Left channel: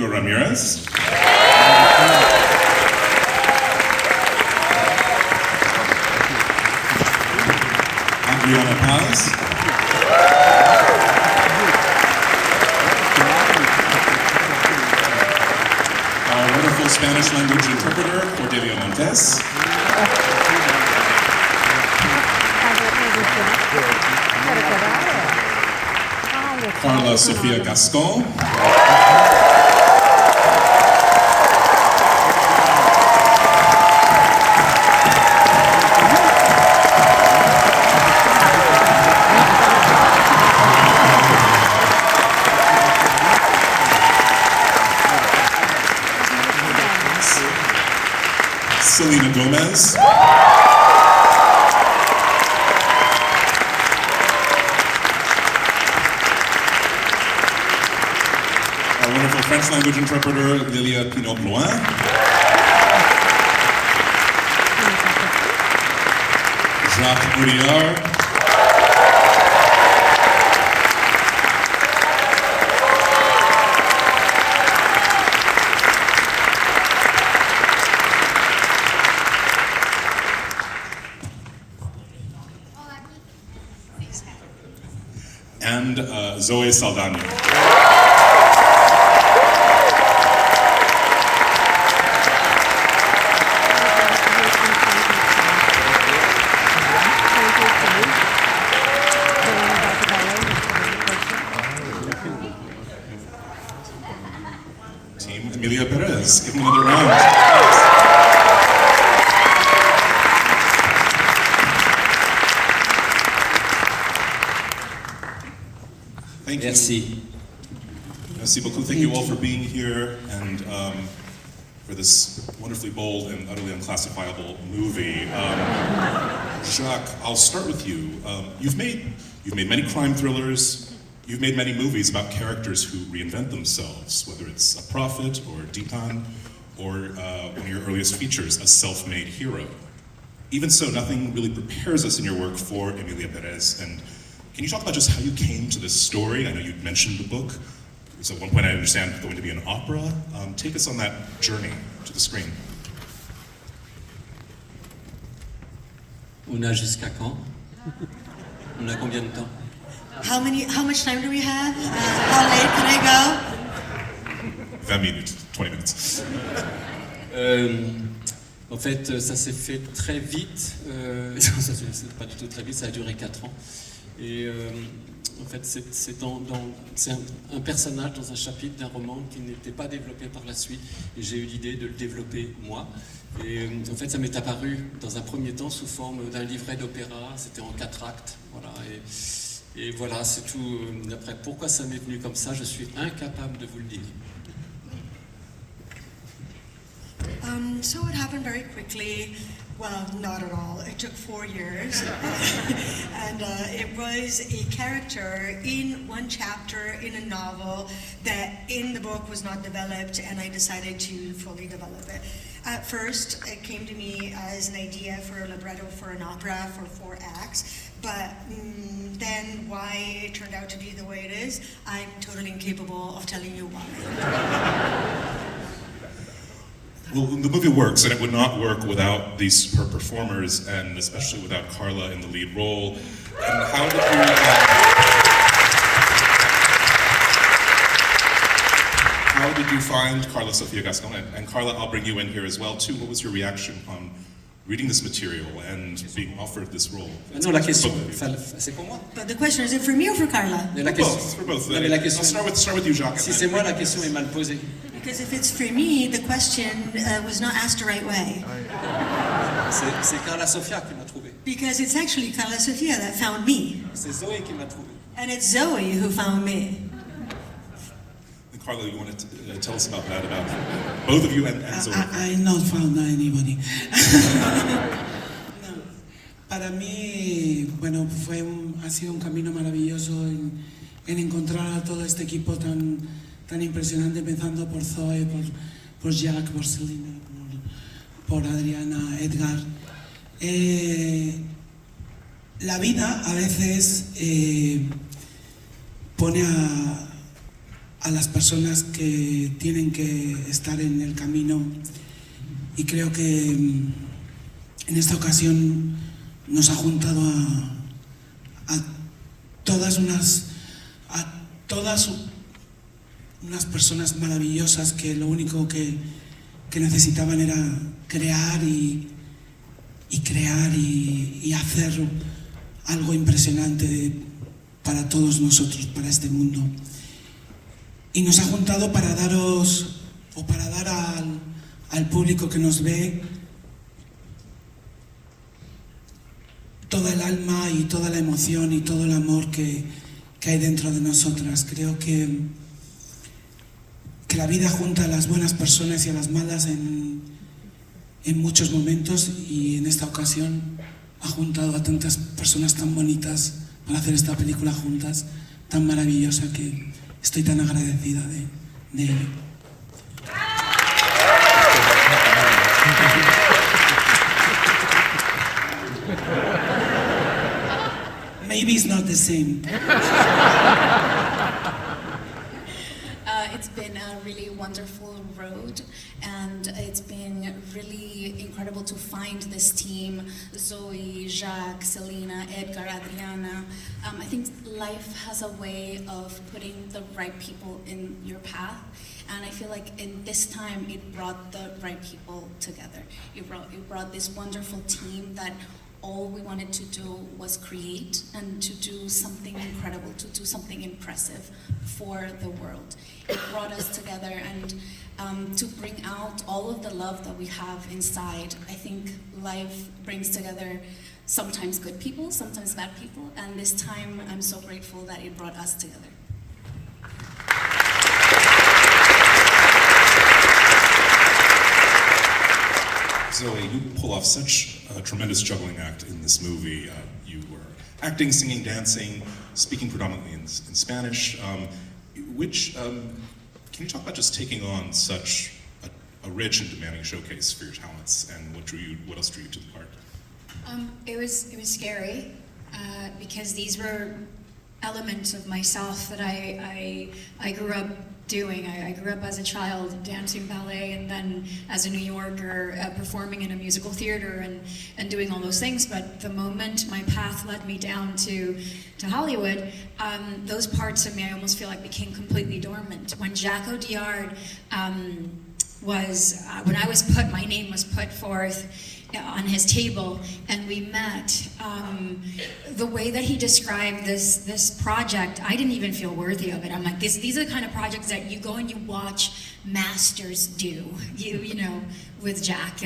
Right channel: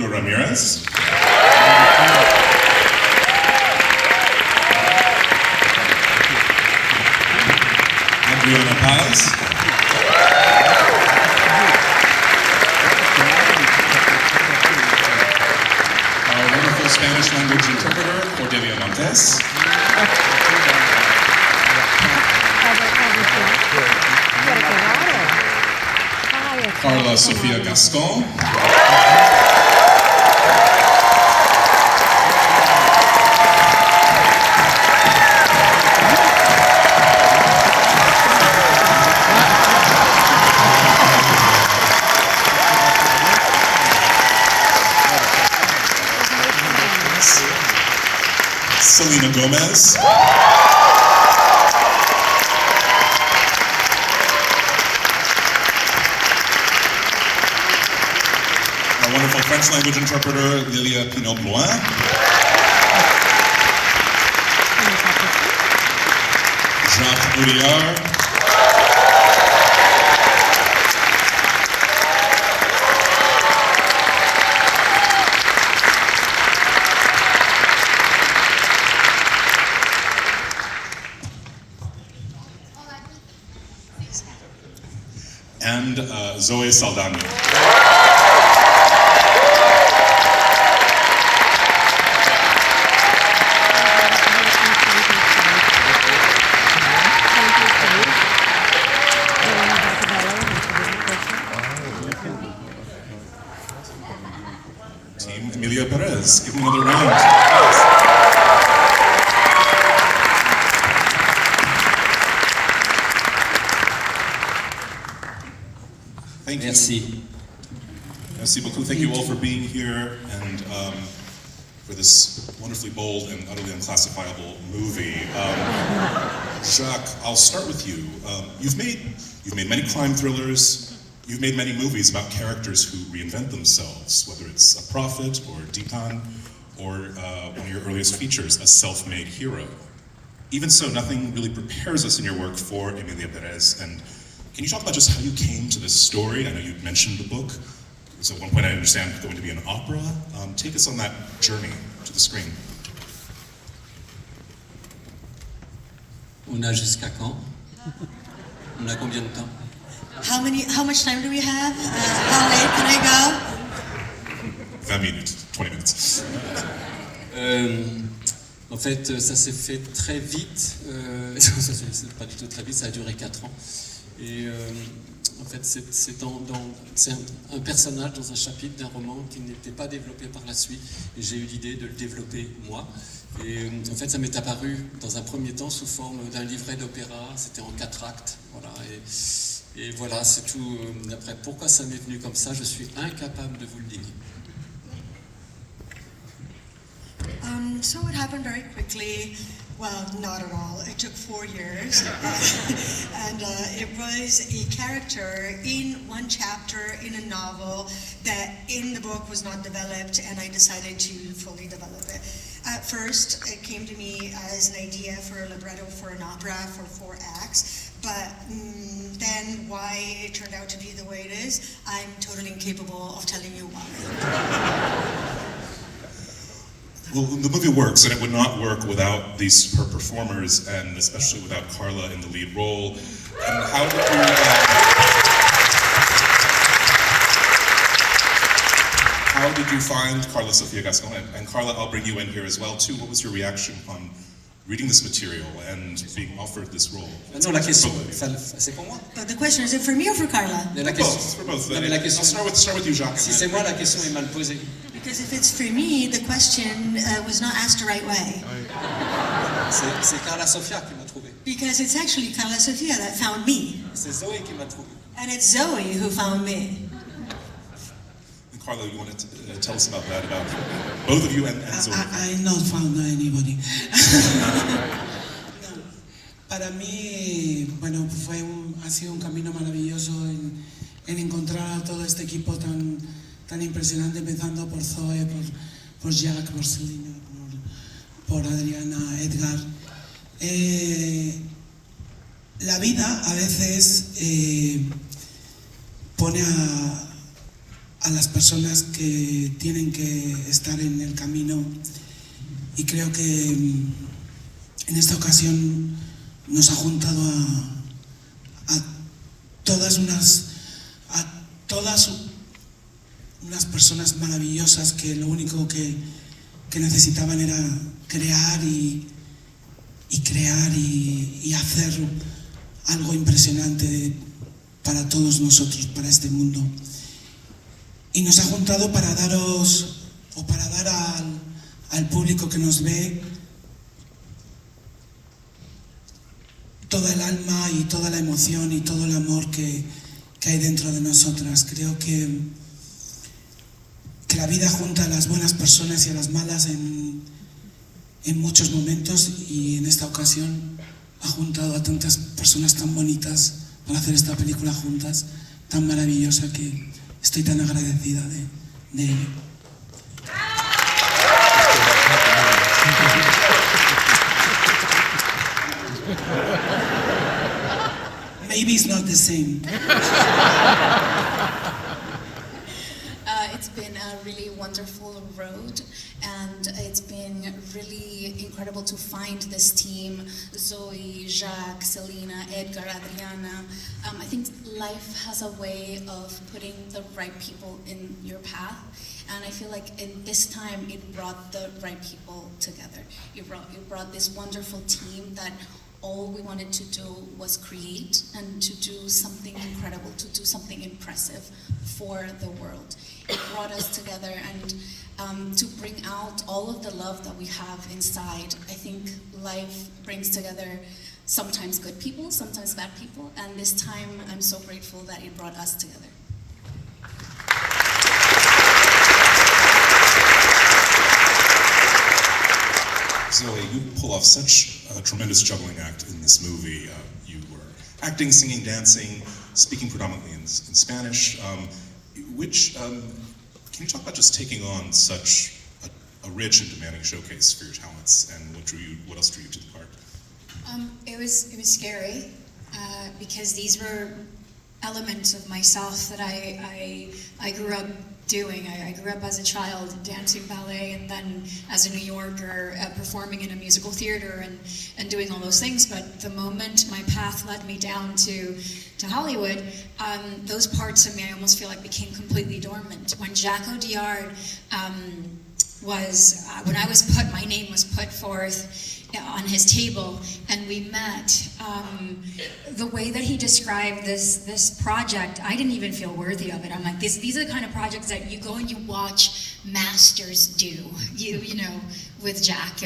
Édgar Ramírez. Adriana Paz. Our wonderful Spanish language interpreter, Cordelia Montes. Karla Sofía Gascón. Selena Gomez. Our wonderful French language interpreter, Lilia Pinot-Blouin. Jacques Audiard. And Zoe Saldaña. Team Emilia Perez, give me another round. Thank you. Merci. Merci beaucoup. Thank you all for being here and for this wonderfully bold and utterly unclassifiable movie. Jacques, I'll start with you. You've made many crime thrillers. You've made many movies about characters who reinvent themselves, whether it's a prophet or a deacon, or one of your earliest features, a self-made hero. Even so, nothing really prepares us in your work for Emilia Perez. And can you talk about just how you came to this story? I know you mentioned the book. So at one point I understand going to be an opera. Take us on that journey to the screen. On a jusqu'à quand? On a combien de temps? How much time do we have? How late can I go? 20 minutes, 20 minutes. En fait, ça s'est fait très vite. Ça s'est pas du tout très vite, ça a duré 4 ans. Et en fait, c'est un personnage dans un chapitre d'un roman qui n'était pas développé par la suite. Et j'ai eu l'idée de le développer moi. Et en fait, ça m'est apparu dans un premier temps sous forme d'un livret d'opéra. C'était en 4 actes. Voilà. Et voilà, c'est tout. Après, pourquoi ça m'est venu comme ça, je suis incapable de vous le dire. So it happened very quickly. Well, not at all. It took 4 years. And it was a character in one chapter in a novel that in the book was not developed, and I decided to fully develop it. At first, it came to me as an idea for a libretto for an opera for 4 acts. But then why it turned out to be the way it is, I'm totally incapable of telling you why. Well, the movie works, and it would not work without these superb performers, and especially without Karla in the lead role. And how did you find Karla Sofía Gascón? And Karla, I'll bring you in here as well too. What was your reaction upon reading this material and being offered this role? Non, la question, c'est pour moi. The question, is it for me or for Karla? Mais la question, For both. Non, mais la question, I'll start with you, Jacques. Si c'est moi, la question est mal posée. Because if it's for me, the question was not asked the right way. C'est Karla Sofía qui m'a trouvé. Because it's actually Karla Sofía that found me. C'est Zoé qui m'a trouvé. And it's Zoe who found me. And Karla, you want to tell us about that, about both of you and Zoe? I not found anybody. No. Para mí, bueno, ha sido un camino maravilloso en encontrar a todo este equipo tan impresionante, empezando por Zoe, por Jacques, por Selena, por Adriana, Édgar. La vida a veces pone a las personas que tienen que estar en el camino, y creo que en esta ocasión nos ha juntado a todas unas personas maravillosas que lo único que necesitaban era crear y hacer algo impresionante para todos nosotros, para este mundo. Y nos ha juntado para dar al público que nos ve toda el alma y toda la emoción y todo el amor que hay dentro de nosotras. Creo que la vida junta a las buenas personas y a las malas en muchos momentos, y en esta ocasión ha juntado a tantas personas tan bonitas para hacer esta película juntas, tan maravillosa, que estoy tan agradecida de ello. Maybe it's not the same. It's been a really wonderful road, and it's been really incredible to find this team: Zoe, Jacques, Selena, Édgar, Adriana. I think life has a way of putting the right people in your path, and I feel like in this time it brought the right people together. It brought this wonderful team that all we wanted to do was create and to do something incredible, to do something impressive for the world. It brought us together, and to bring out all of the love that we have inside. I think life brings together sometimes good people, sometimes bad people, and this time I'm so grateful that it brought us together. Zoe, you pull off such a tremendous juggling act in this movie. You were acting, singing, dancing, speaking predominantly in Spanish. Can you talk about just taking on such a rich and demanding showcase for your talents, and what else drew you to the part? It was scary because these were elements of myself that I grew up doing. I grew up as a child dancing ballet, and then as a New Yorker performing in a musical theater and doing all those things. But the moment my path led me down to Hollywood, those parts of me I almost feel like became completely dormant. When Jacques Audiard my name was put forth on his table and we met, the way that he described this project, I didn't even feel worthy of it. I'm like, these are the kind of projects that you go and you watch masters do, you know, with Jacques.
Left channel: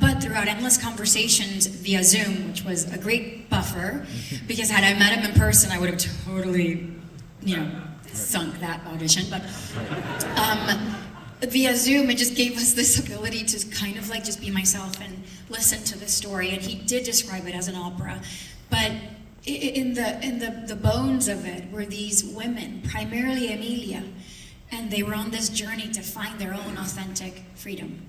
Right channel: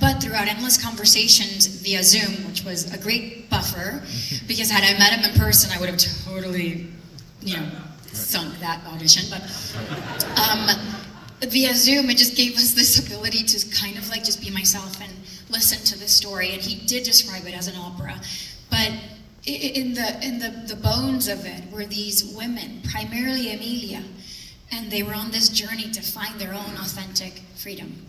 But throughout endless conversations via Zoom, which was a great buffer, because had I met him in person, I would have totally, sunk that audition. But via Zoom, it just gave us this ability to kind of like just be myself and listen to the story. And he did describe it as an opera, but in the bones of it were these women, primarily Emilia, and they were on this journey to find their own authentic freedom.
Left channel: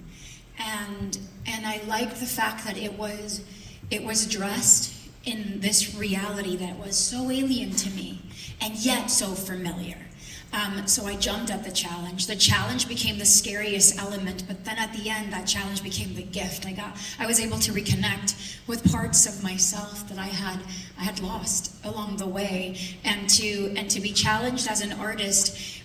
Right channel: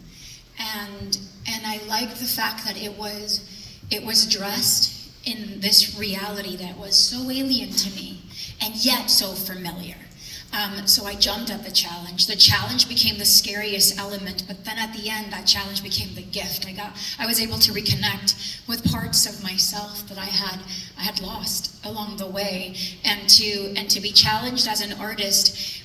And I liked the fact that it was dressed in this reality that was so alien to me and yet so familiar. So I jumped at the challenge. The challenge became the scariest element, but then at the end, that challenge became the gift. I was able to reconnect with parts of myself that I had lost along the way, and to be challenged as an artist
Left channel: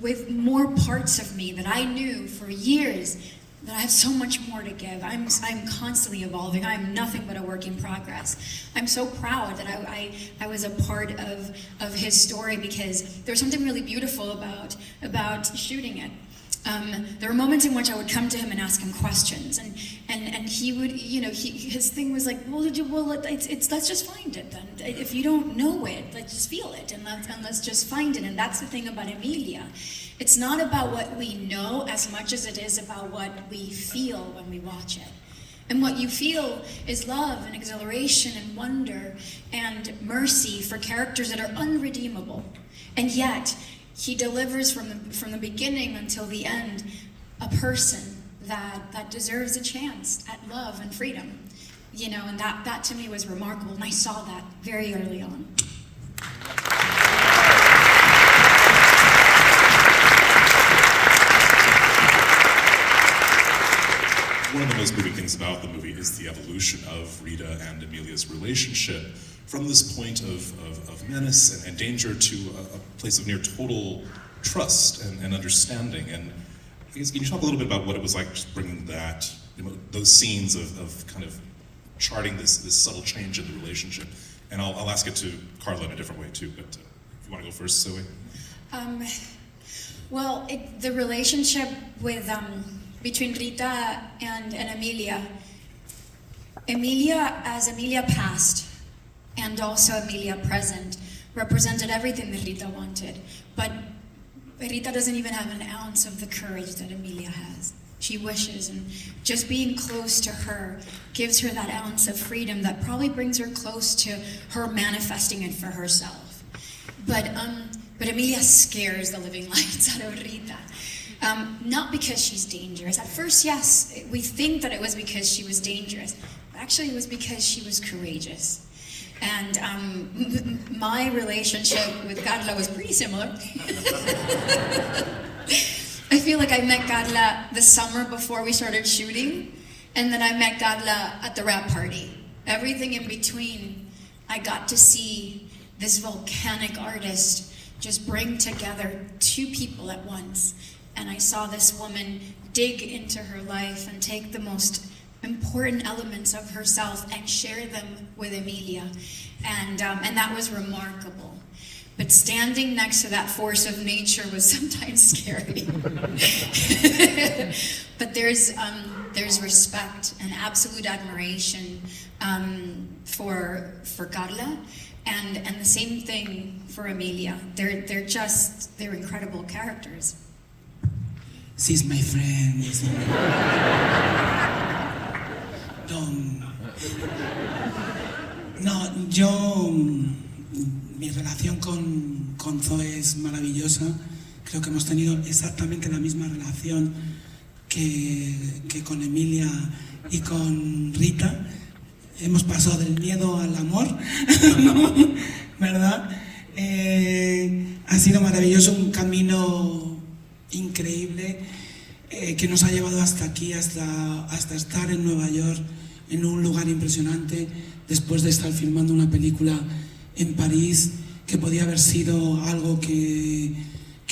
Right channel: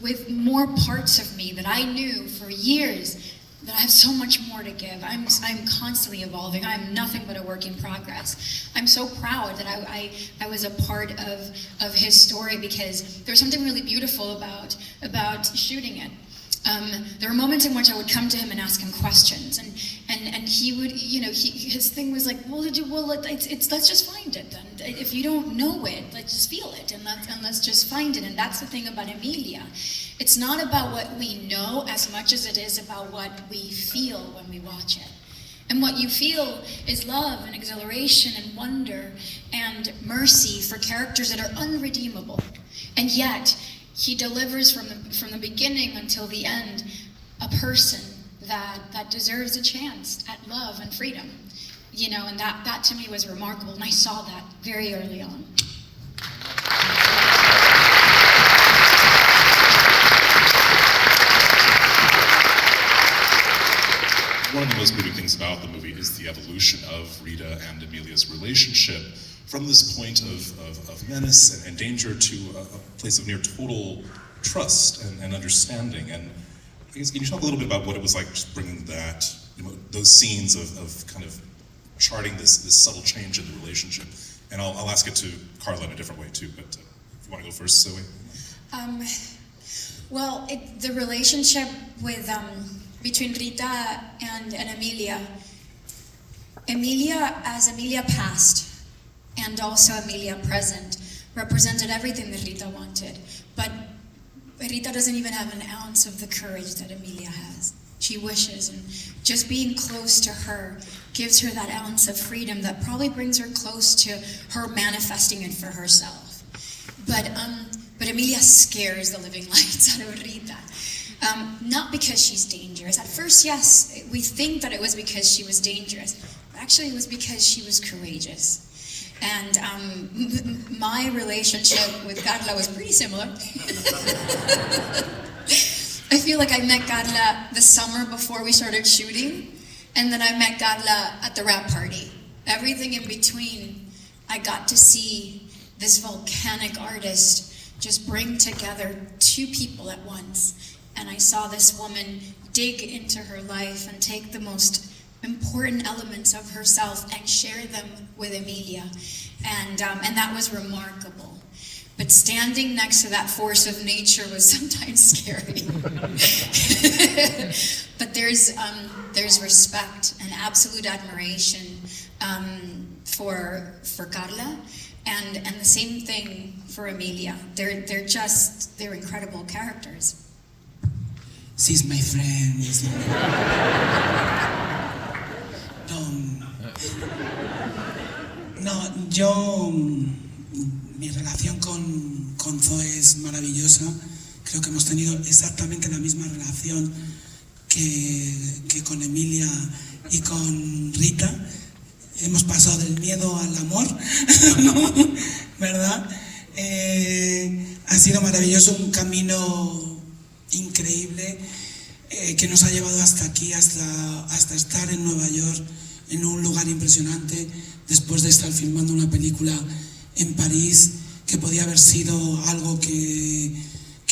with more parts of me that I knew for years that I have so much more to give. I'm constantly evolving. I'm nothing but a work in progress. I'm so proud that I was a part of his story, because there's something really beautiful about shooting it. There were moments in which I would come to him and ask him questions, and he would, his thing was like, let's just find it then. If you don't know it, let's just feel it, and let's just find it. And that's the thing about Emilia. It's not about what we know as much as it is about what we feel when we watch it. And what you feel is love and exhilaration and wonder and mercy for characters that are unredeemable. And yet, he delivers from the beginning until the end a person that deserves a chance at love and freedom. And that to me was remarkable, and I saw that very early on. one of the most moving things about the movie is the evolution of Rita and Emilia's relationship from this point of menace and danger to a place of near total trust and understanding. And I guess, can you talk a little bit about what it was like just bringing that, those scenes of kind of charting this subtle change in the relationship? And I'll ask it to Karla in a different way too, but if you want to go first, Zoe. Well, the relationship with between Rita and Emilia, as Emilia past and also Emilia present, represented everything that Rita wanted. But Rita doesn't even have an ounce of the courage that Emilia has. She wishes, and just being close to her gives her that ounce of freedom that probably brings her close to her manifesting it for herself. But Emilia scares the living lights out of Rita. Not because she's dangerous. At first, yes, we think that it was because she was dangerous. But actually, it was because she was courageous. And my relationship with Karla was pretty similar. I feel like I met Karla the summer before we started shooting, and then I met Karla at the wrap party. Everything in between, I got to see this volcanic artist just bring together two people at once. And I saw this woman dig into her life and take the most important elements of herself and share them with Emilia. And that was remarkable. But standing next to that force of nature was sometimes scary. But there's respect and absolute admiration for Karla, and the same thing for Emilia. They're incredible characters. She's my friend. Mi relación con Zoe es maravillosa. Creo que hemos tenido exactamente la misma relación que con Emilia y con Rita. Hemos pasado del miedo al amor, ¿verdad? Ha sido maravilloso, un camino increíble que nos ha llevado hasta aquí, hasta estar en Nueva York, en un lugar impresionante, después de estar filmando una película en París, que podía haber sido algo que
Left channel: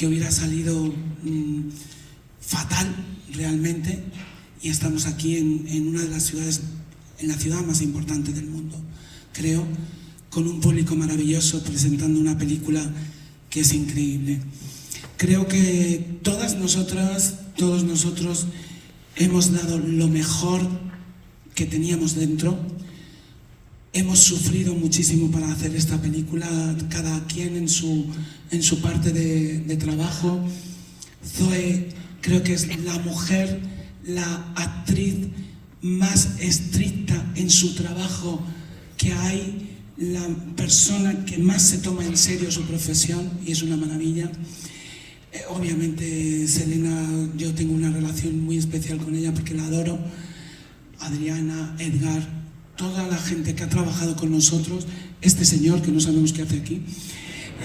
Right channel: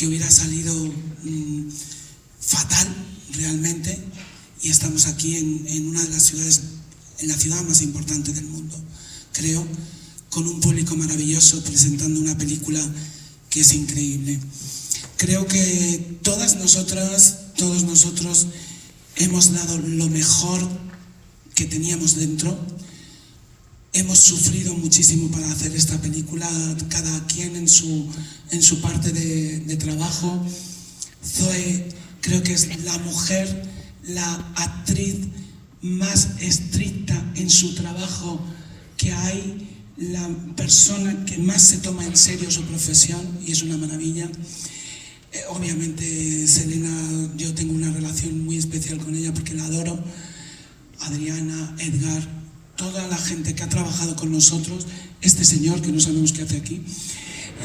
hubiera salido fatal realmente, y estamos aquí en una de las ciudades, en la ciudad más importante del mundo, creo, con un público maravilloso, presentando una película que es increíble. Creo que todas nosotras, todos nosotros hemos dado lo mejor que teníamos dentro. Hemos sufrido muchísimo para hacer esta película, cada quien en su parte de trabajo. Zoe creo que es la mujer, la actriz más estricta en su trabajo que hay, la persona que más se toma en serio su profesión, y es una maravilla. Obviamente Selena, yo tengo una relación muy especial con ella porque la adoro. Adriana, Édgar, toda la gente que ha trabajado con nosotros, este señor que no sabemos qué hace aquí,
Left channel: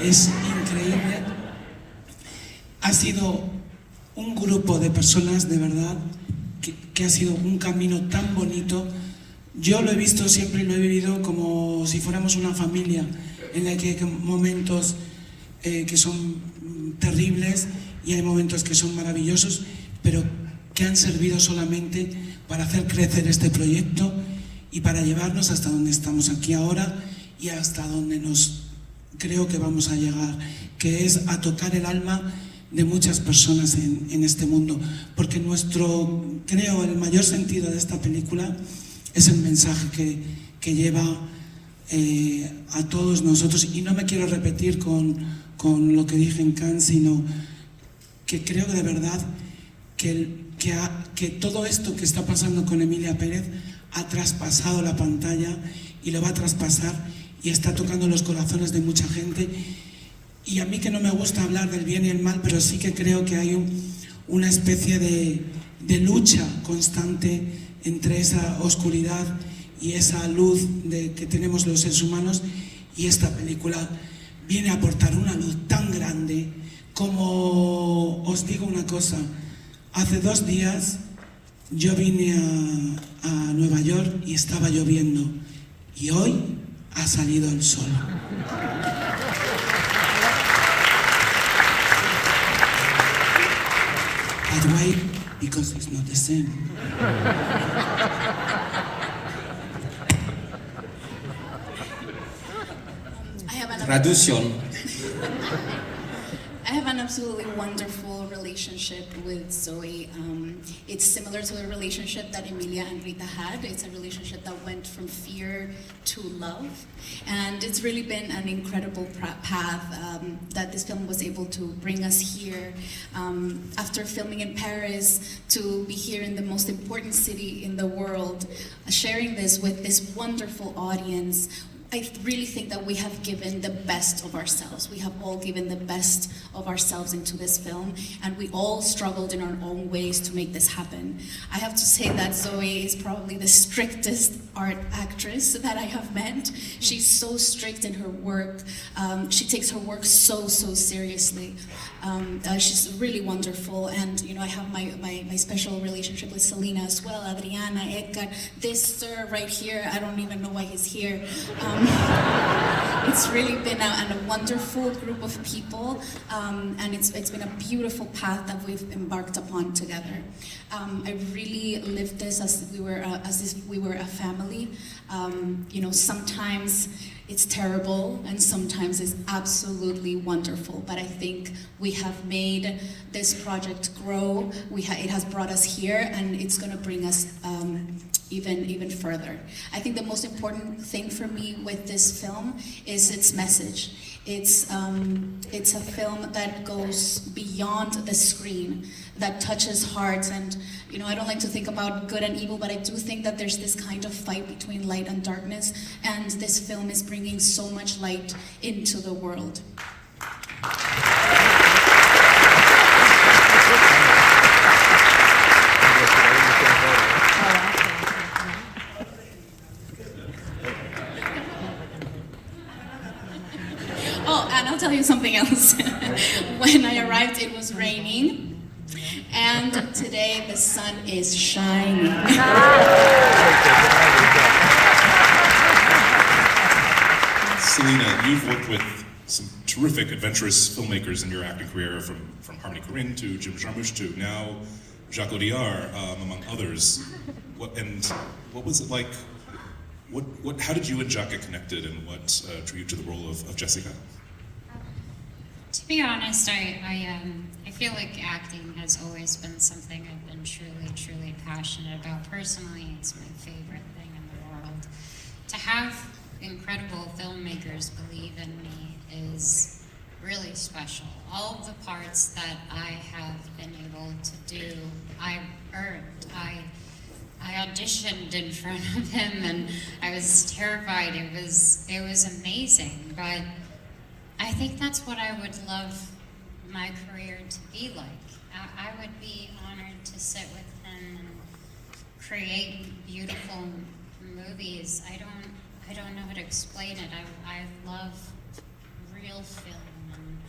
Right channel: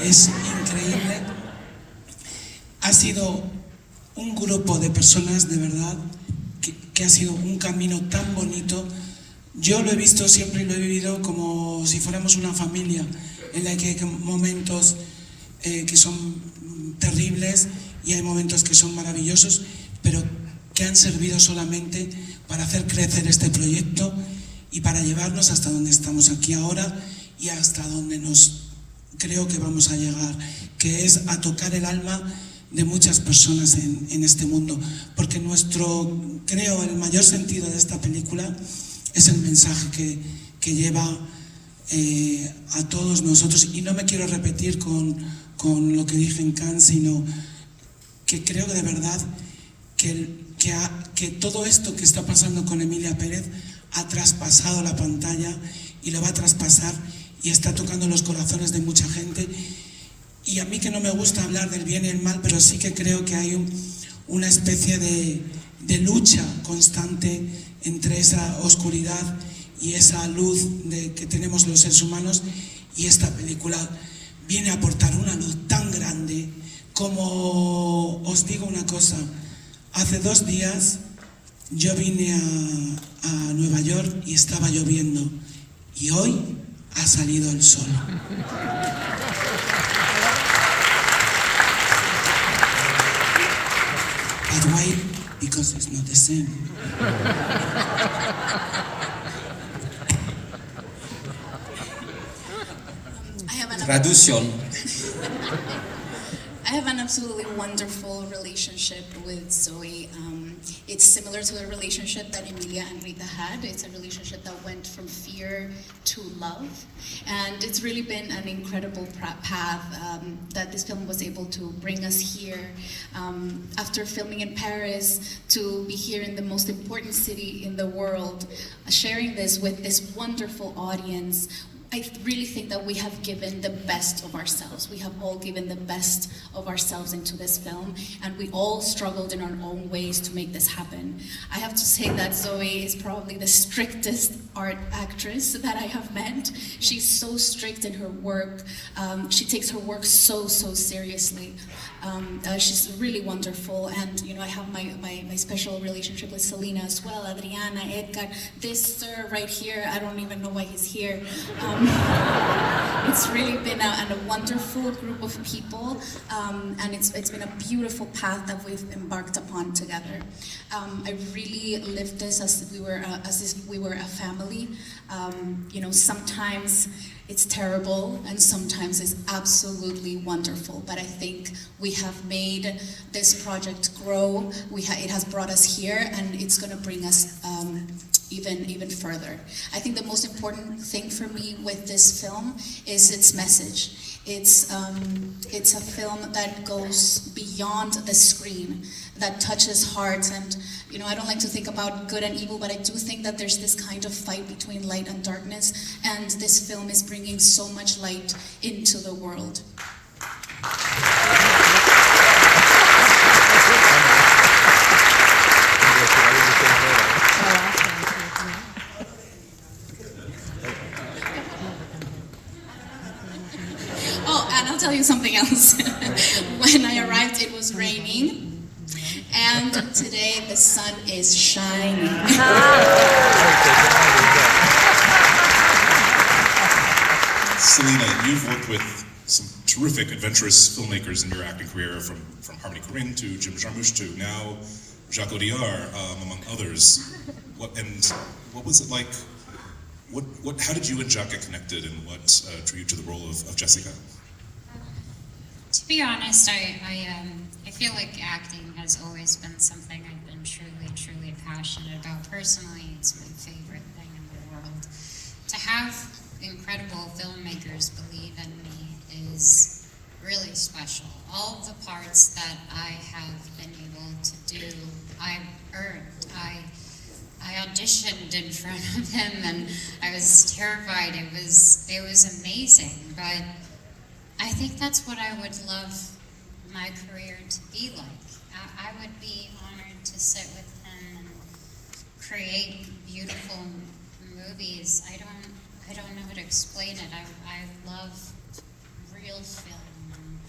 es increíble. Ha sido un grupo de personas, de verdad, que ha sido un camino tan bonito. Yo lo he visto siempre y lo he vivido como si fuéramos una familia, en la que hay momentos que son terribles y hay momentos que son maravillosos, pero que han servido solamente para hacer crecer este proyecto y para llevarnos hasta donde estamos aquí ahora y hasta donde creo que vamos a llegar, que es a tocar el alma de muchas personas en este mundo, porque creo, el mayor sentido de esta película es el mensaje que lleva a todos nosotros. Y no me quiero repetir con lo que dije en Cannes, sino que creo que de verdad que todo esto que está pasando con Emilia Perez ha traspasado la pantalla y lo va a traspasar y está tocando los corazones de mucha gente. Y a mí, que no me gusta hablar del bien y el mal, pero sí que creo que hay una especie de lucha constante entre esa oscuridad y esa luz que tenemos los seres humanos, y esta película viene a aportar una luz tan grande como, os digo una cosa, hace 2 días Yo vine a Nueva York y estaba lloviendo, y hoy ha salido el sol. But wait, because it's not the same. Traducción. I have an absolutely wonderful relationship with Zoe. It's similar to a relationship that Emilia and Rita had. It's a relationship that went from fear to love. And it's really been an incredible path that this film was able to bring us here. After filming in Paris, to be here in the most important city in the world, sharing this with this wonderful audience. I really think that we have given the best of ourselves. We have all given the best of ourselves into this film, and we all struggled in our own ways to make this happen. I have to say that Zoe is probably the strictest art actress that I have met. She's so strict in her work. She takes her work so seriously. She's really wonderful, and you know, I have my special relationship with Selena as well, Adriana, Édgar, this sir right here, I don't even know why he's here. It's really been a wonderful group of people, and it's been a beautiful path that we've embarked upon together. I really lived this as if we were a family. You know, sometimes it's terrible and sometimes it's absolutely wonderful, but I think we have made this project grow. It has brought us here, and it's going to bring us even further. I think the most important thing for me with this film is its message. It's a film that goes beyond the screen, that touches hearts. And you know, I don't like to think about good and evil, but I do think that there's this kind of fight between light and darkness, and this film is bringing so much light into the world. I'll tell you something else. When I arrived, it was raining, and today the sun is shining. Selena, you've worked with some terrific, adventurous filmmakers in your acting career, from Harmony Korine to Jim Jarmusch to now Jacques Audiard, among others. What was it like? How did you and Jacques get connected, and what drew you to the role of Jessica? To be honest, I feel like acting has always been something I've been truly passionate about. Personally, it's my favorite thing in the world. To have incredible filmmakers believe in me is really special. All of the parts that I have been able to do, I've earned. I auditioned in front of him, and I was terrified. It was amazing, but I think that's what I would love my career to be like. I would be honored to sit with him and create beautiful movies. I don't know how to explain it. I love real film, and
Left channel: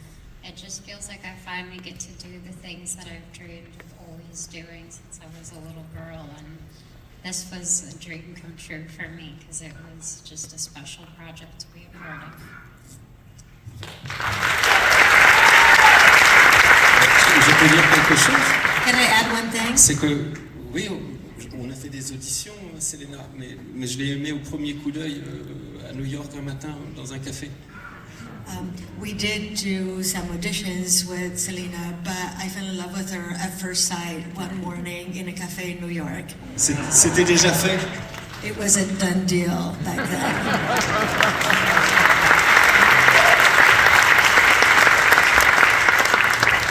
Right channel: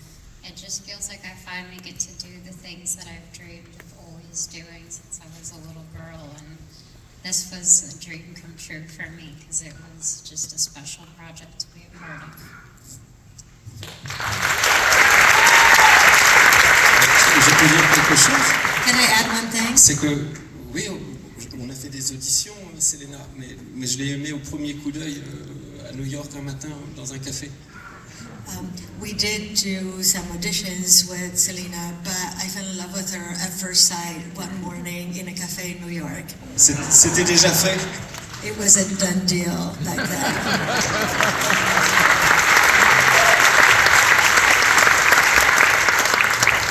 it just feels like I finally get to do the things that I've dreamed of always doing since I was a little girl, and this was a dream come true for me because it was just a special project to be a part of. Je peux dire quelque chose? Can I add one thing? C'est que, oui, on a fait des auditions, Selena, mais je l'ai aimée au premier coup d'œil à New York un matin dans un café. We did do some auditions with Selena, but I fell in love with her at first sight one morning in a cafe in New York. C'était déjà fait? It was a done deal like that.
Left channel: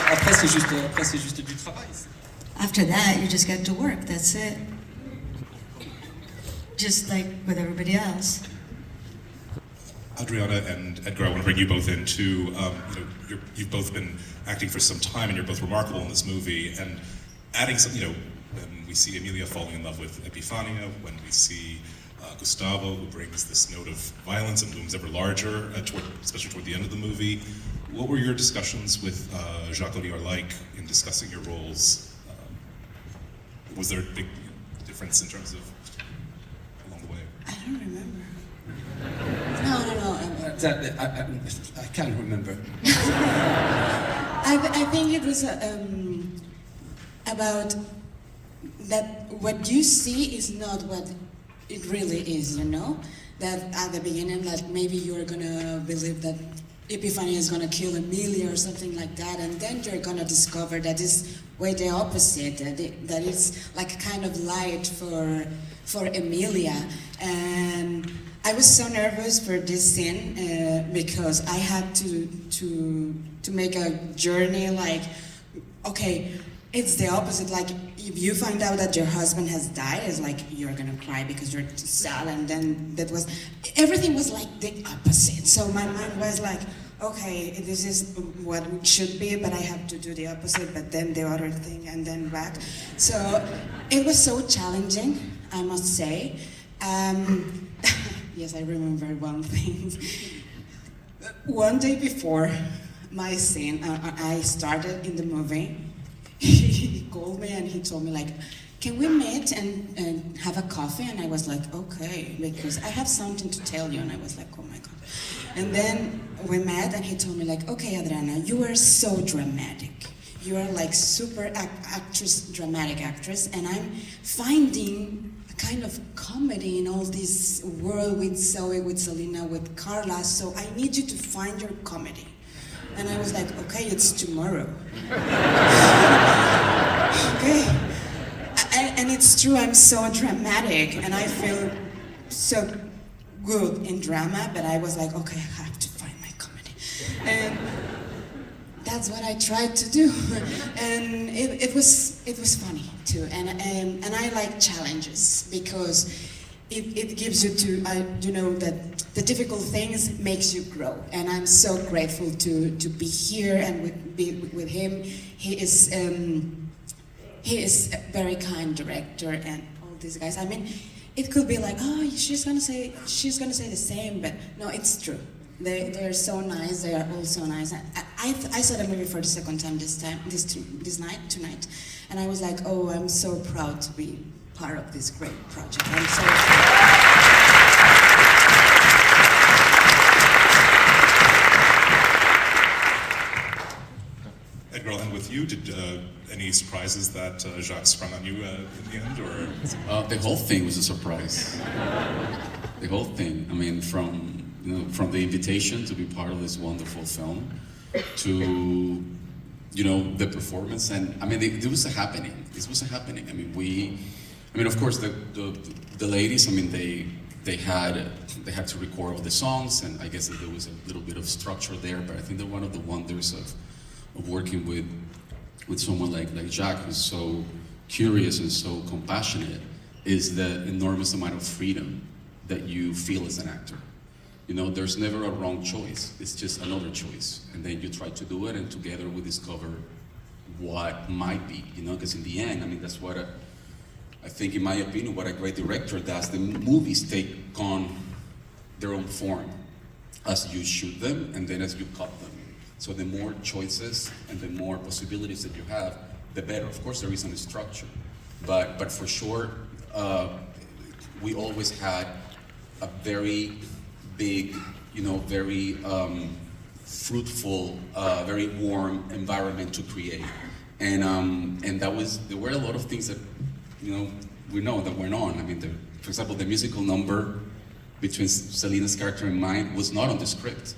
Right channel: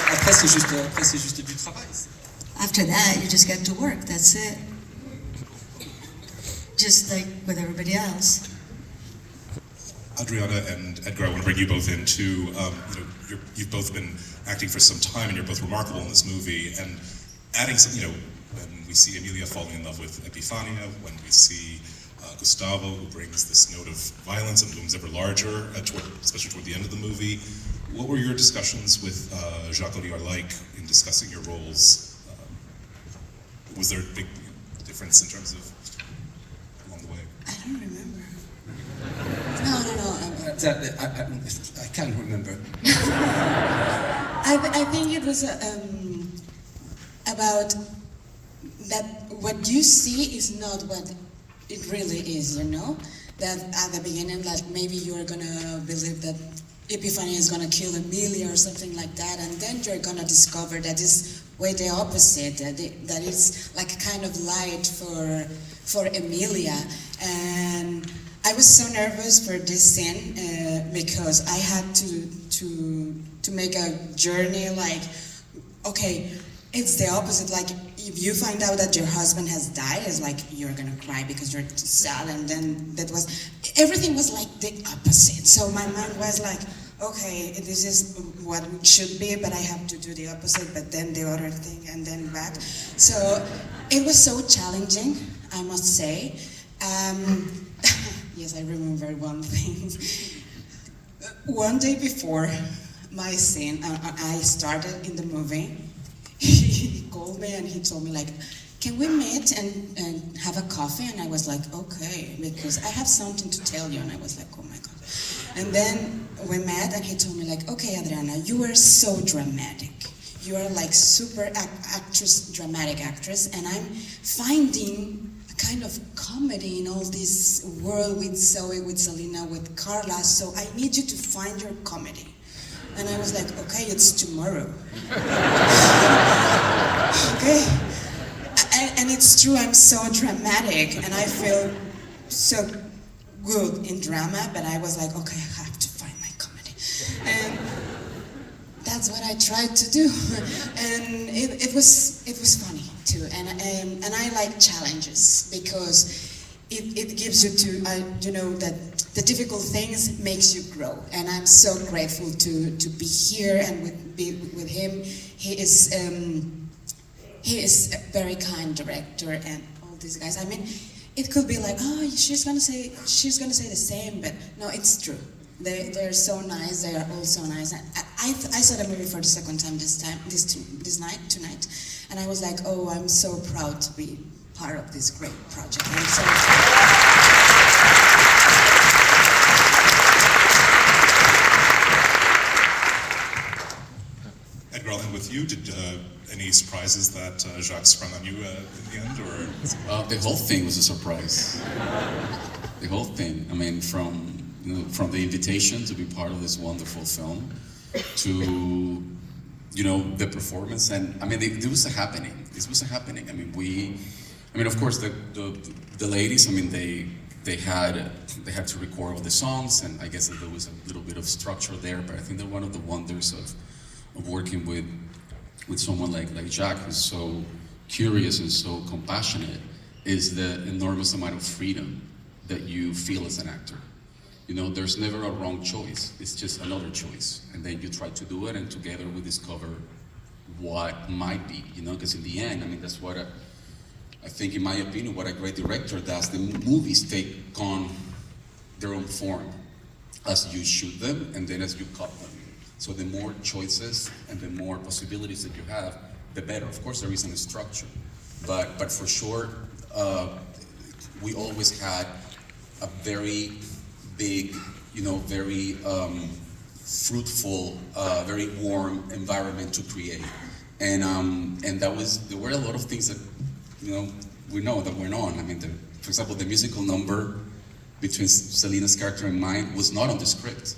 Après, c'est juste du travail. After that, you just get to work. That's it. Just like with everybody else. Adriana and Édgar, I want to bring you both in too. You've both been acting for some time, and you're both remarkable in this movie. And adding some, when we see Emilia falling in love with Epifania, when we see Gustavo, who brings this note of violence and looms ever larger, especially toward the end of the movie. What were your discussions with Jacques Audiard like in discussing your roles? was there a big difference in terms of along the way? I don't remember. No. I can't remember. I think it was about that what you see is not what it really is, you know? That at the beginning, that maybe you are gonna believe that Epiphany is gonna kill Emilia or something like that, and then you're gonna discover that it's way the opposite, that it's like a kind of light for Emilia. And I was so nervous for this scene because I had to make a journey like, okay, it's the opposite. Like if you find out that your husband has died, it's like you're gonna cry because you're sad, and then everything was like the opposite. So my mind was like, okay, this is what it should be, but I have to do the opposite, but then the other thing, and then back. So it was so challenging, I must say. Yes, I remember one thing. One day before my scene, I started in the movie. He called me and he told me like, can we meet and have a coffee? And I was like, okay, because I have something to tell you. And I was like, oh my God. And then we met and he told me like, okay, Adriana, you are so dramatic. You are like super dramatic actress. And I'm finding a kind of comedy in all this world with Zoe, with Selena, with Karla. So I need you to find your comedy. And I was like, okay, it's tomorrow. Okay. And it's true, I'm so dramatic and I feel so good in drama, but I was like, okay, I have to find my comedy. And that's what I tried to do. And it was funny too. And I like challenges because it gives you to know that the difficult things makes you grow. And I'm so grateful to be here and be with him. He is a very kind director and all these guys. I mean, it could be like, oh, she's gonna say the same, but no, it's true. They're so nice. They are all so nice. I saw the movie for the second time tonight, and I was like, oh, I'm so proud to be part of this great project. I'm so Édgar, I'll end with you. Did any surprises that Jacques sprung on you in the end, or? The whole thing was a surprise. The whole thing. I mean, from the invitation to be part of this wonderful film, to the performance, and I mean, it was a happening. This was a happening. I mean, of course, the ladies. I mean, they had to record all the songs, and I guess that there was a little bit of structure there. But I think that one of the wonders of working with someone like Jacques, who's so curious and so compassionate, is the enormous amount of freedom that you feel as an actor. There's never a wrong choice. It's just another choice, and then you try to do it, and together we discover what might be. Because in the end, I mean, that's what I think, in my opinion, what a great director does. The movies take on their own form as you shoot them, and then as you cut them. So the more choices and the more possibilities that you have, the better. Of course, there isn't a structure, but for sure, we always had a very big, very fruitful, very warm environment to create, and there were a lot of things that we know that went on. I mean, for example, the musical number between Selena's character and mine was not on the script.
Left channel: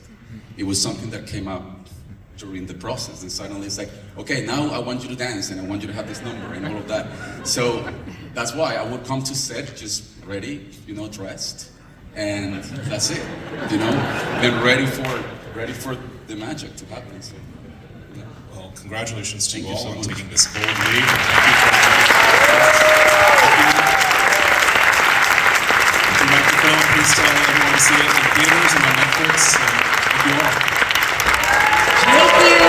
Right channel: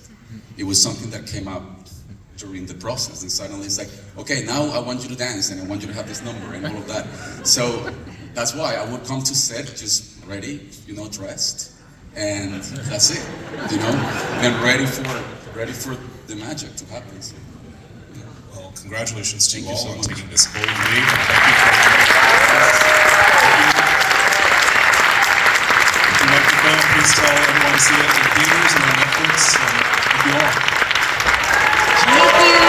It was something that came up during the process, and suddenly it's like, okay, now I want you to dance, and I want you to have this number, and all of that. So that's why I would come to set just ready, dressed, and that's it, and ready for the magic to happen. So, yeah. Well, congratulations to you all so on much. taking this bold lead. Thank you for the microphone. Please tell everyone to see it in theaters and on Netflix. Thank you all. Thank you.